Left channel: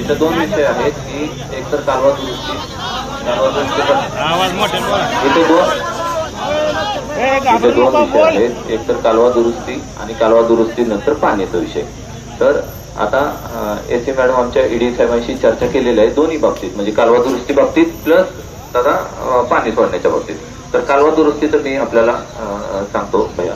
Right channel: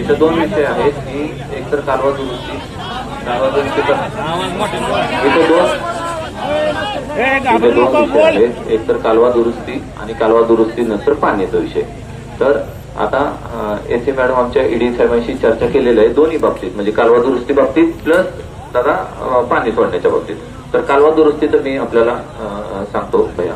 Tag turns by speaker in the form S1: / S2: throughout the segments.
S1: इथे दोन विषय आहेत. की एक तर कालवा दुरुस्ती कारवा दुरुस्ती इथं दोन इथे दोन विषय आहेत. एक तर कालवा दुरुस्ती आणि कालवा दुरुस्ती नंतर पाण्याचा विषय. तर आता एस ए मॅडम आमच्या ईडी साहेबांशी चर्चा केलेली आहे दोन्ही बाबतीत. म्हणजे कालवा दुरुस्ती बाबतीत प्लस दादा पाणी सोडण्याच्या बाबतीत. तर कालवा दुरुस्ती तर मी आपल्याला सांगतो भैया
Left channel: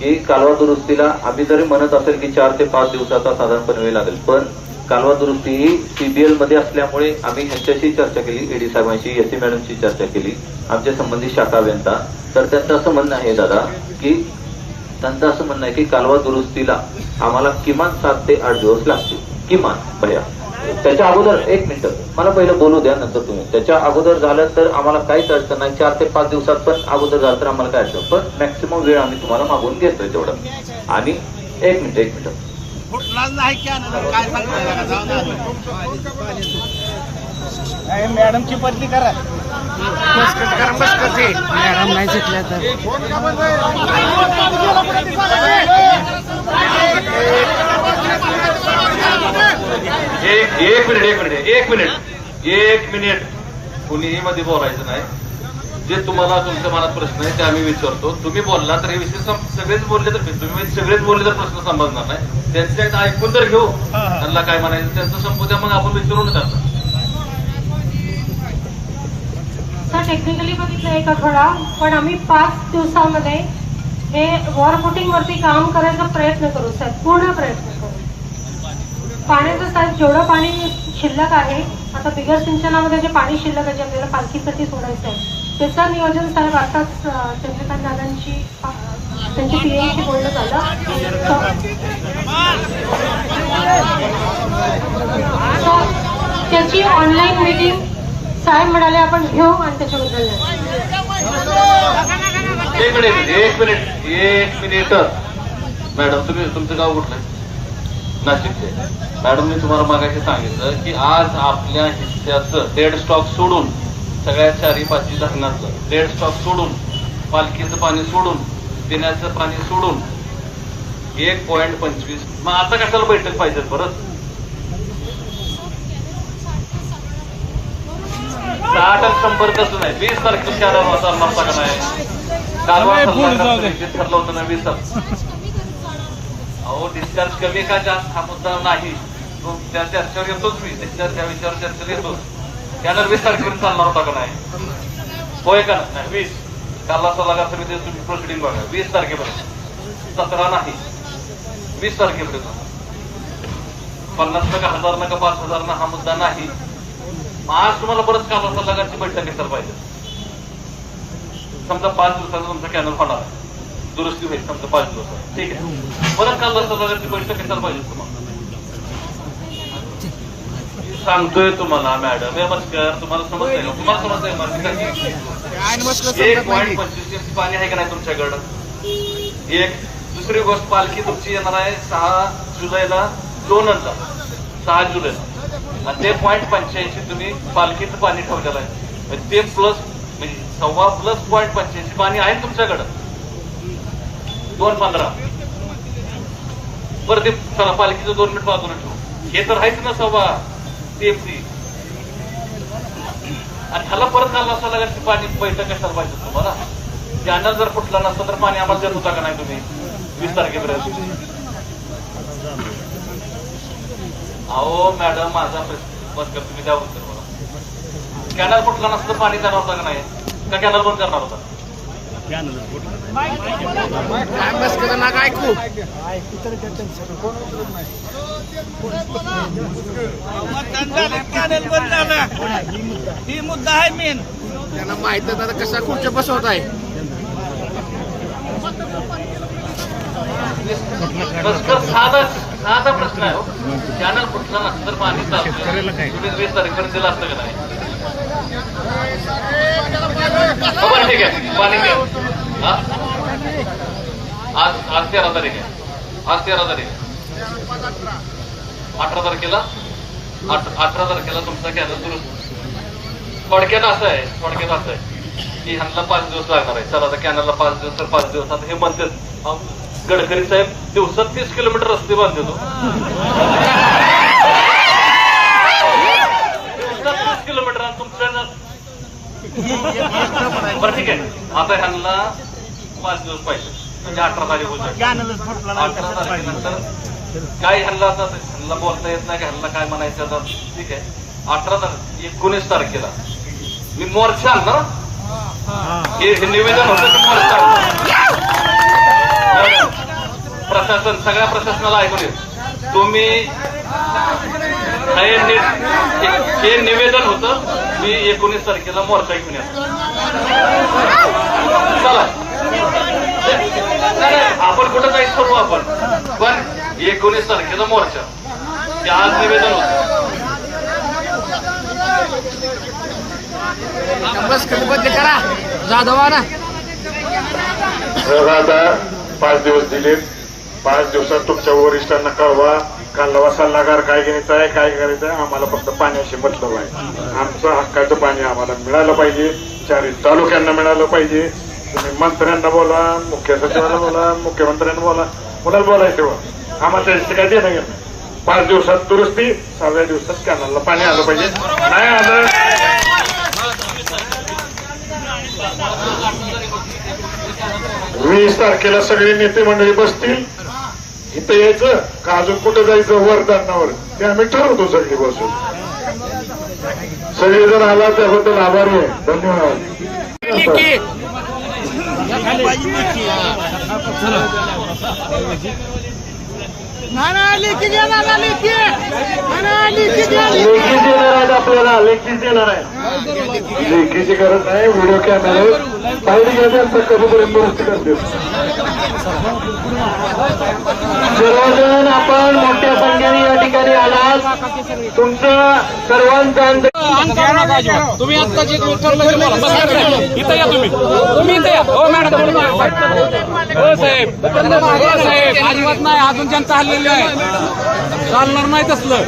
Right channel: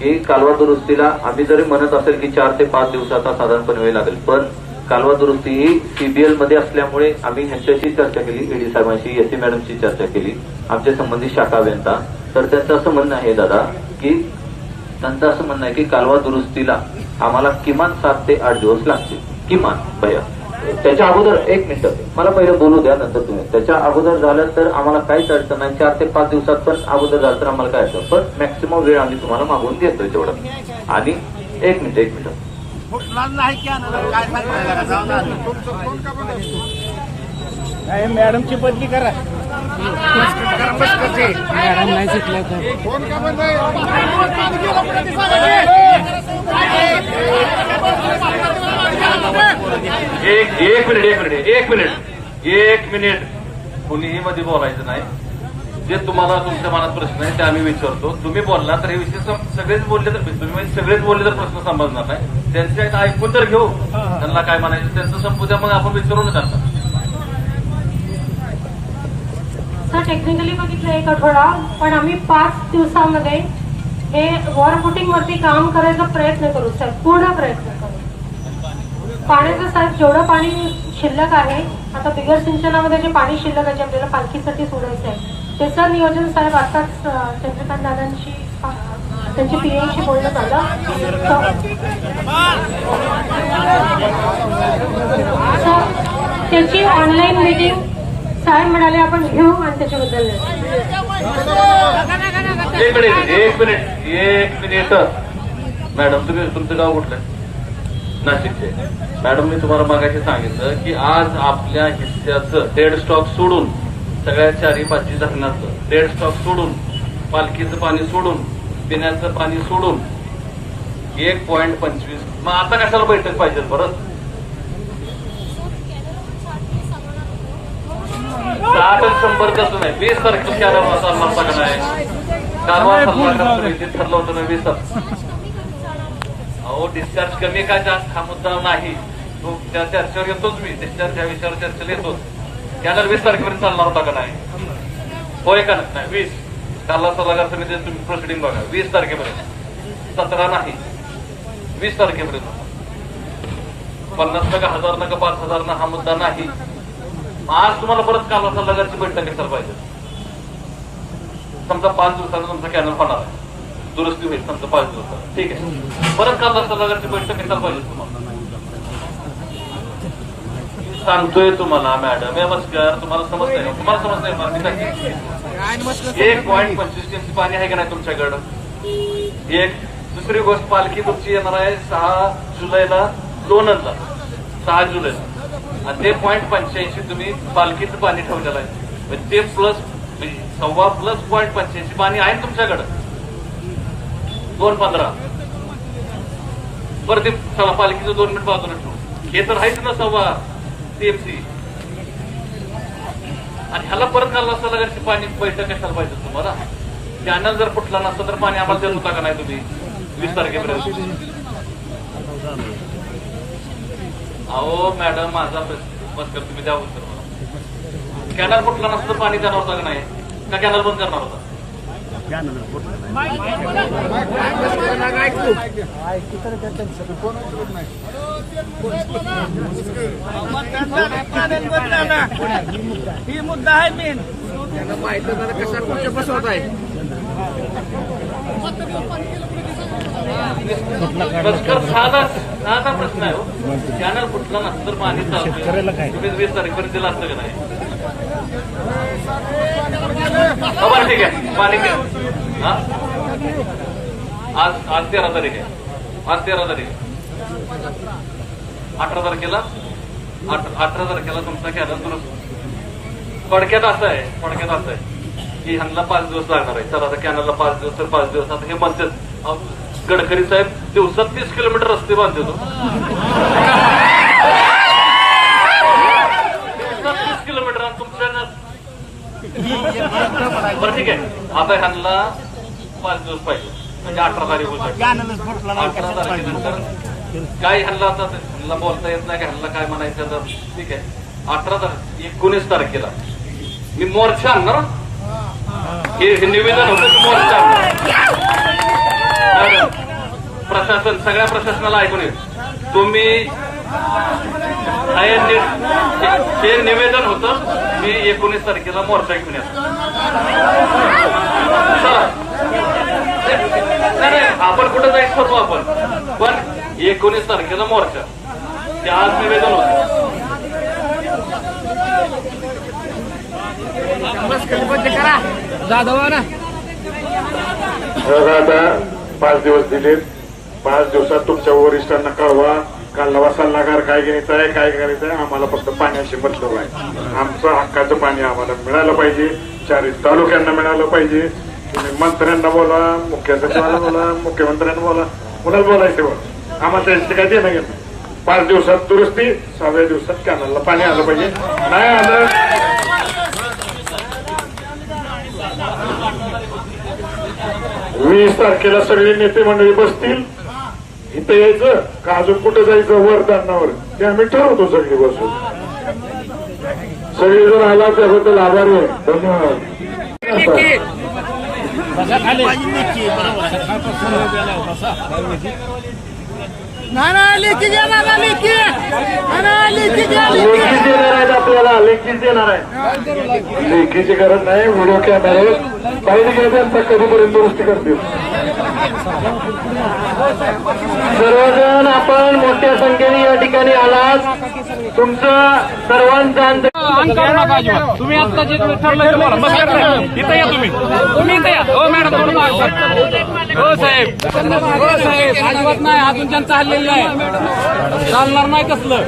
S1: की कालवा दुरुस्तीला आम्ही जरी म्हणत असेल की चार ते पाच दिवसाचा साधारणपणे वेळ लागेल पण कालवा दुरुस्ती ही सीबीएलमध्ये असल्यामुळे आम्ही ह्यांच्याशी चर्चा केली ईडी साहेबांशी एस मॅडमशी चर्चा केली आमच्या संबंधित शाखा अभियंता. तर त्यांचं असं म्हणणं आहे दादा की त्यांचं असं म्हणणं आहे की कालवा दुरुस्तीला आम्हाला किमान सात ते आठ दिवस लागतील. किमान भया त्याच्या अगोदर एक मिनिट. मला पहिलं बोलू द्या नंतर तुम्ही. त्याच्या अगोदर झालं तर आम्हाला काहीच अडचण नाही. चार ते पाच दिवसात पण अगोदर झालं तर आम्हाला काय अडचण. पण मॅक्सिमम वेळ आम्ही तुम्हाला मागवून देतोय तेवढं. आणि एक मिनिट एक मिनिट.
S2: फुटलाच नाही की काय सांगताय का? जाऊन आलं
S3: मॅडमची बदली करा.
S2: बसकट करा बसकट ते
S3: मॅडम नाही शिकल्या तर.
S1: एक एक मिनिट एक मिनिट एक मिनिट. एक मिनिट. कुणीही मध्ये बोलायचं नाही. जे तुम्हाला तुमच्या मनात प्रश्न आहे ते आम्ही विचारतो. तुम्ही बोलला तर हे विषय सगळेच बोलले तर तुम्ही म्हणजे सगळेच बोलले तर प्रश्न संबंधणार नाही. त्यांचे ऐकून तर घेऊ. त्यांना काय म्हणायचं त्यांचं संपू मग आपण विचारून त्यांना.
S4: सर टेक्निकली बघितलं एक आठवडा पण आम्ही पाच दिवसामध्ये हे वॉर बुटिंग वरती काम करायचा प्रयत्न करू सर पूर्ण प्रयत्न करू. पाण्याचं साहेब जेवढं पाणी शिल्लक आहे आता बिगर सिंचनामध्ये जे पाणी शिल्लक आहे जे आपल्याला पालखीसाठी सोडायचं आहे त्याचं नियोजन साहेब आताच चंद्रकांत दादांची अं, त्यांची पीएची बोलणं झालं त्याची ऑनलाईन मीटिंग साहेब म्हणाले आपण घेऊ आणि त्याच्याबद्दल म्हणजे
S1: एक मिनिट म्हणजे एक मिनिट एक मिनिट. मॅडम तुम्ही तुमचं गाव कुठलं? नाशिकचे. मॅडम मी तुम्हाला मागायचं सांगितलं की आज आपल्या हिस्स्याचं डेड स्टॉक सोडून सगळ्या चारी पाचवी धरणाचं. डेड स्टॉक सोडून पालखीचं पाणी सोडून पिण्याचं पाणी सोडून एक पॉईंट पंचवीस. मग आता कशाला बैठक पाहिजे परत? साठ शंभर कसं नाही? वीस तारखेला चार चालणार नाही ठरलं होतं ना वीस अहो डिस्चार्ज कमी का जास्त? हा मुद्दा नाही. तो त्या चर्चेवर येतोच मी. डिस्चार्ज या विषयावर चर्चेला येतो त्यानंतर वीस तारखेपर्यंत चालणार होता का नाही? होय का नाही? वीस. त्याला सल्लागार समिती तुम्ही प्रोसिडिंग बघा. वीस तारखेपर्यंत सतरा नाही. वीस तारखेपर्यंत पन्नास नका हजार नका पाच हजार ना हा मुद्दा नाही. आज तुम्हाला परत काला सल्लागारची बैठक घेतलं पाहिजे. समजा पाच दिवसांना तुमचा कॅनल होणार. दुरुस्ती होईल समजा पाच दिवसात ठीक आहे. परत काल सल्लागारची बैठक घेतलं पाहिजे. सांगतोय तुम्हाला मॅडम नमस्कार. तुम्हाला समजतंय तुम्हाला समजतंय मार्ग एक पॉईंट पंचवीस पाणी आहे का नाही तुमच्याकडं? एक. दुसरी गोष्ट पालखी तुमची येणार आहे सहा जुलैला लोणंदला सहा जुलैला. आणि ते पॉईंट पंच्याऐंशी तुम्ही पालखीचं पाणी ठेवलेलं आहे. म्हणजे ते प्लस म्हणजे सव्वा प्लस पॉईंट पंच्याऐंशी पाणी आहे ना तुमच्याकडं? दोन पंधरा. बरं ते चला पालखीचं दोन मिनिट बाजूला ठेवू. हे तर आहेच ना सव्वा. टीएमसी आणि ह्याला परत घालला असता लगेच पाणी पैसा कशाला पाहिजे तुम्हाला? चॅनल जर फुटला नसतं तर पाणी आम्हाला देत होता का नाही तुम्ही? वीस तारखेपर्यंत. अहो मॅडम माझा प्रश्न तुम्ही द्या उत्तर. कॅनल फुटला नसतं पाणी देणार होता का नाही? का कॅनल बंद करणार होता?
S2: बसकट नका ही मुद्दा आहे मेन त्यांना माहीत कशा कुठच्या बसवत आहे
S1: साधा प्रश्न आहे चॅनल फुटला नसतं तर पाणी चालतं तुम्ही वीस तारखेपर्यंत असतं का नाही ठीक आहे. पाणी आज आज तेरा तारीख आहे. आज तेरा तारीख अठरा तारखेला? अठरा तारखेला तुमचा कॅनल दुरुस्त थोडक्यात असं आहे थोडक्यात असं आहे की ह्यांना पाच दिवस लागणार आहे चला आता कॅनलला पाच दिवस तर पाच दिवस. आता हे म्हणतात गडकरी साहेब दिवसात तीस किलोमीटर रस्ते बांधतो. बरं ठीक आहे. आता ह्यांना पाच दिवस पाहिजे. म्हणजे अठरा तारीख होत काय ह्यांना आता ह्यांना बोलता येत नाही का ह्यांना काय म्हणायचं आता? ठीक आहे. अठरा तारीख एकोणीस तारखेला. मी मोर्चा आणणार? हे निवेदन होतं मी मोर्चा. प्रशासन सगळ्या प्रशासनाला ऐकून तुम्ही हे हे निवेदन होतं मी एकोणीस तारखेला मोर्चा घेऊन आपण कुठं काही करू आपण. पण एकोणीस तारखेला मोर्चा. ते आज निवेदन होतं.
S5: जर आता पाच दिवस दिले पाच दिवसात तुमच्या वरिष्ठांना कळवा. कालवा सल्लागार काय घ्यायचा आहे काय करायचं आहे आम्हाला फक्त पाण्याशी मतलब आहे. आमचं हक्काचं पाणी आम्हाला मिळालं पाहिजे चारही तालुक्यांना मिळालं पाहिजे. तुम्ही मंत्र्यांना बोला मुख्य सचिवाला बोला मुख्यमंत्र्यांना बोला मुलाच बोलायचं हो? आम्हाला त्यांचं काय देणं घेणं नाही. पाच दिवसात दुरुस्ती सहाव्या दिवसात कॅनलला पाणी आलं पाहिजे. नाही आलं. वीस तारखेला सगळे नेते मंडळी बसतील. इथं यायचं का अजून कुठे जायचं वर ते आम्ही ठरवतो सगळी बसून. सगळे जर आला त्याबद्दल आभारी आहे. धन्यवाद. लेखीच येणार आहेत आपल्याला लेखीच येणार आहे लेखीची गरज नाही व्हिडिओ कॅमेरे काही गेले कधीतरी दुरुस्ती करतील. सर्वजण आपण मोठ्या संख्येने या ठिकाणी आलात. तुमचं सर्वांचं
S2: तुम्ही आता जे ठरलं ते बोला. बसा इकडे. इथं या तुम्ही. तुम्ही इथं या. हो मॅडम. बोलू नका. हो साहेब. हो साहेब. अजिबात नाही. अजून ज्यांचं हल्लेलं आहे. चालणार नाही तसलं.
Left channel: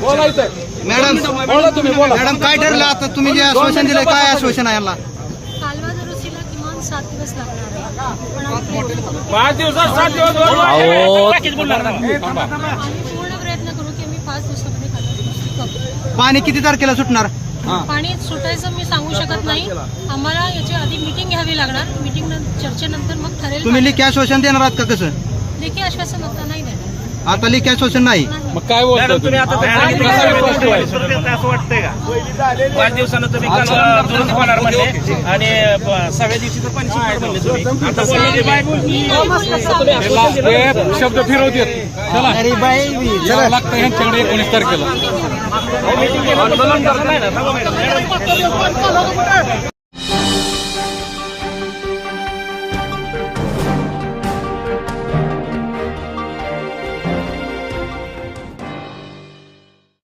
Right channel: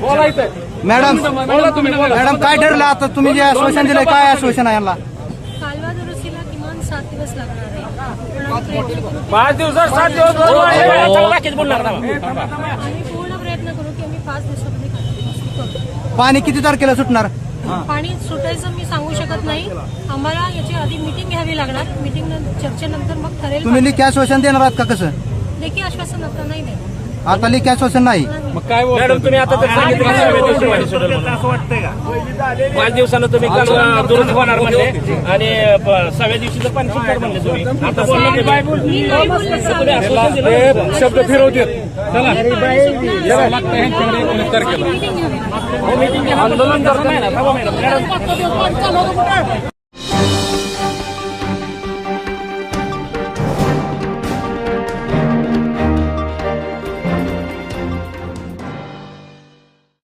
S2: बोलायचं
S3: मॅडम
S2: बोला तुम्ही बोला.
S3: मॅडम काय ठरलं आता? तुम्ही जे आश्वासन दिलंय काय आश्वासन आहे याला?
S4: कालवा दुरुस्तीला किमान सात दिवस लागणार आहे. पण आम्ही प्रयत्न करू की-
S2: पाच दिवसात सात दिवस बोलणार नाही.
S4: आम्ही पूर्ण प्रयत्न करू की आम्ही पाच दिवसामध्ये कालवा दुरुस्ती करू.
S3: पाणी किती तारखेला सुटणार?
S4: पाणी सुटायचं मी सांगू शकत नाही. आम्हाला याची आधी मिटिंग घ्यावी लागणार. मिटिंग चर्चेनंतर मग ठरेल
S3: तुम्ही लेखी आश्वासन देणार आहात का कसं?
S4: लेखी आश्वासन आता नाही देणार.
S3: आता लेखी आश्वासन नाही.
S4: नाही
S2: मग काय बोलतो तुम्ही आता असं वाटतंय का? पाच दिवसानं तुम्ही काल दुरुस्त होणार म्हणले. आणि सहाव्या दिवशी तर पाणी सुटणार म्हणले तुम्ही. आता बोलले की काय
S4: मी नाही बोलले.
S2: शब्द फिरवते चला. लागतं घेणं बदलून नाही ना? थांबा मॅडम.